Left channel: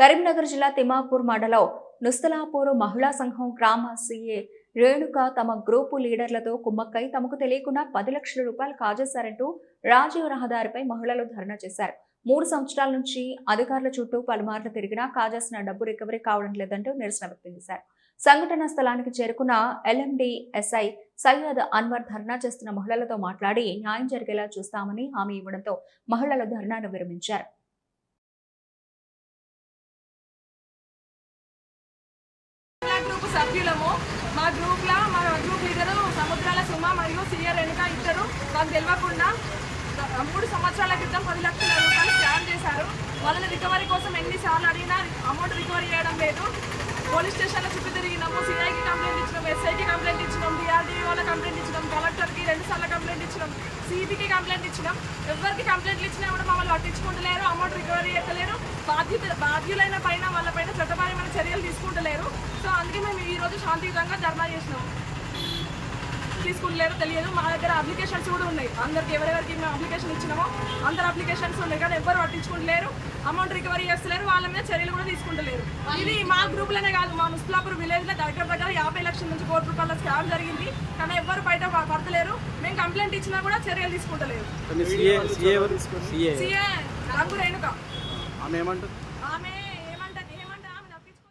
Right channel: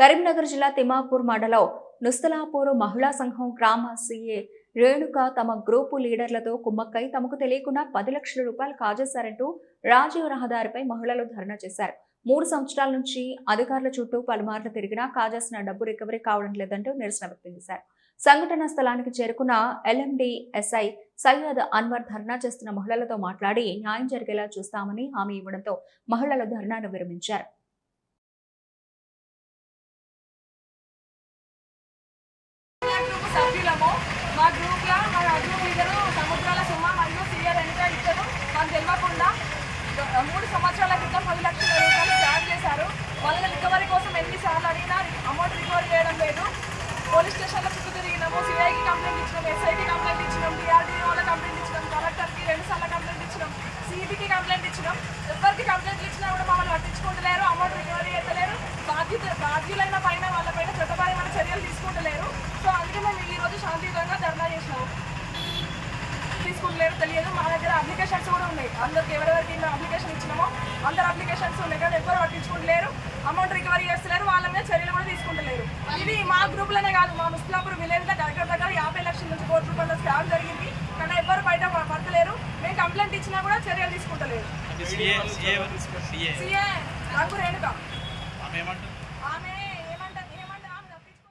కరీంనగర్ జిల్లా తిమ్మాపూర్ మండలం నుస్తలాపూర్ మహిళా సంఘం గ్రామ సీఏ రేణుక తమ గ్రూపు లీడర్లతో కుమ్మక్కై తమకు తెలియకుండా 10 లక్షల రూపాయలు కాజేశారంటూ రాజీవ్ రహదారిపై మహిళలు ధర్నా చేశారు. 3 సంవత్సరాల నుంచి అధికారుల చుట్టూ పలుమార్లు తిరిగినా కాజేసిన డబ్బు రికవరీ కావడం లేదంటూ నిరసన వ్యక్తం చేశారు. సంఘటన స్థలానికి చేరుకున్న ఎల్ఎండి ఎస్ఐ సయ్యద్ అన్వర్ ధర్నా చేస్తున్న మహిళలతో మాట్లాడి న్యాయం జరిగేలా చూస్తామని హామీ ఇవ్వడంతో మహిళలు ధర్నాను విరమించారు. సభ్యులము మా గ్రూప్ లీడరు సముద్రాల సుమ మరియు సీఆర్ వెనుక ఇద్దరు మాకు తెలియకుండా 3 సంవత్సరాల క్రితం 10 లక్షల రూపాయలు స్కామ్ చేశారు. వాళ్ళని రికవరీ కోసం ఎన్నిసార్లు అడిగినా అమౌంట్ రికవరీ చేయడం లేదు. పోలీస్ స్టేషన్లో చుట్టూ తిరిగినాము, సిఐకి కంప్లైంట్ ఇచ్చినాం, ఎస్ఐకి కంప్లైంట్ ఇచ్చినాం, డిఆర్డీఓలో కంప్లైంట్ ఇచ్చినాం, కలెక్టర్కి 2 సార్లు కంప్లైంట్ ఇచ్చినాం, సిబికి కంప్లైంట్ ఇచ్చినాం. ఎవరికి కంప్లైంట్లు ఇచ్చినా కూడా మమ్మల్ని పట్టించుకుంటలేరు, అమౌంట్ రికవరీ చేస్తలేరు. బాధ్యులైన పైన వాళ్ళపైన చట్టపరమైన చర్యలు తీసుకుంటలేరు. సో అందుకే మేము ఈరోజు శాంతియుతంగా ధర్నా చేసినాము. తీసుకుంటలేరు తెలియదు. మా దగ్గర అప్లికేషన్స్ కూడా ఉన్నాయి, అందరికి ఎవరెవరికి మేము అప్లికేషన్ ఇచ్చినామో అందరు అప్లికేషన్స్ ఉన్నాయి, కానీ ఎవరు పట్టించుకుంటలేరు, అమౌంట్ రికవరీ చేస్తలేరు, వాళ్ళ మీద చర్యలు కూడా తీసుకుంటలేరు. ఇది మా గ్రూప్లోనే కాదు, మా నుస్తలాపూర్ విలేజ్లో దగ్గర 50 లక్షల నుంచి కోటి రూపాయల స్కామ్ జరిగింది, కానీ ఎవరు బయట పడతలేరు. మేము కంప్లైంట్ ఇచ్చినా కూడా చర్యలు తీసుకుంటలేరు. సిఏ రంగు రేణుక ఆమె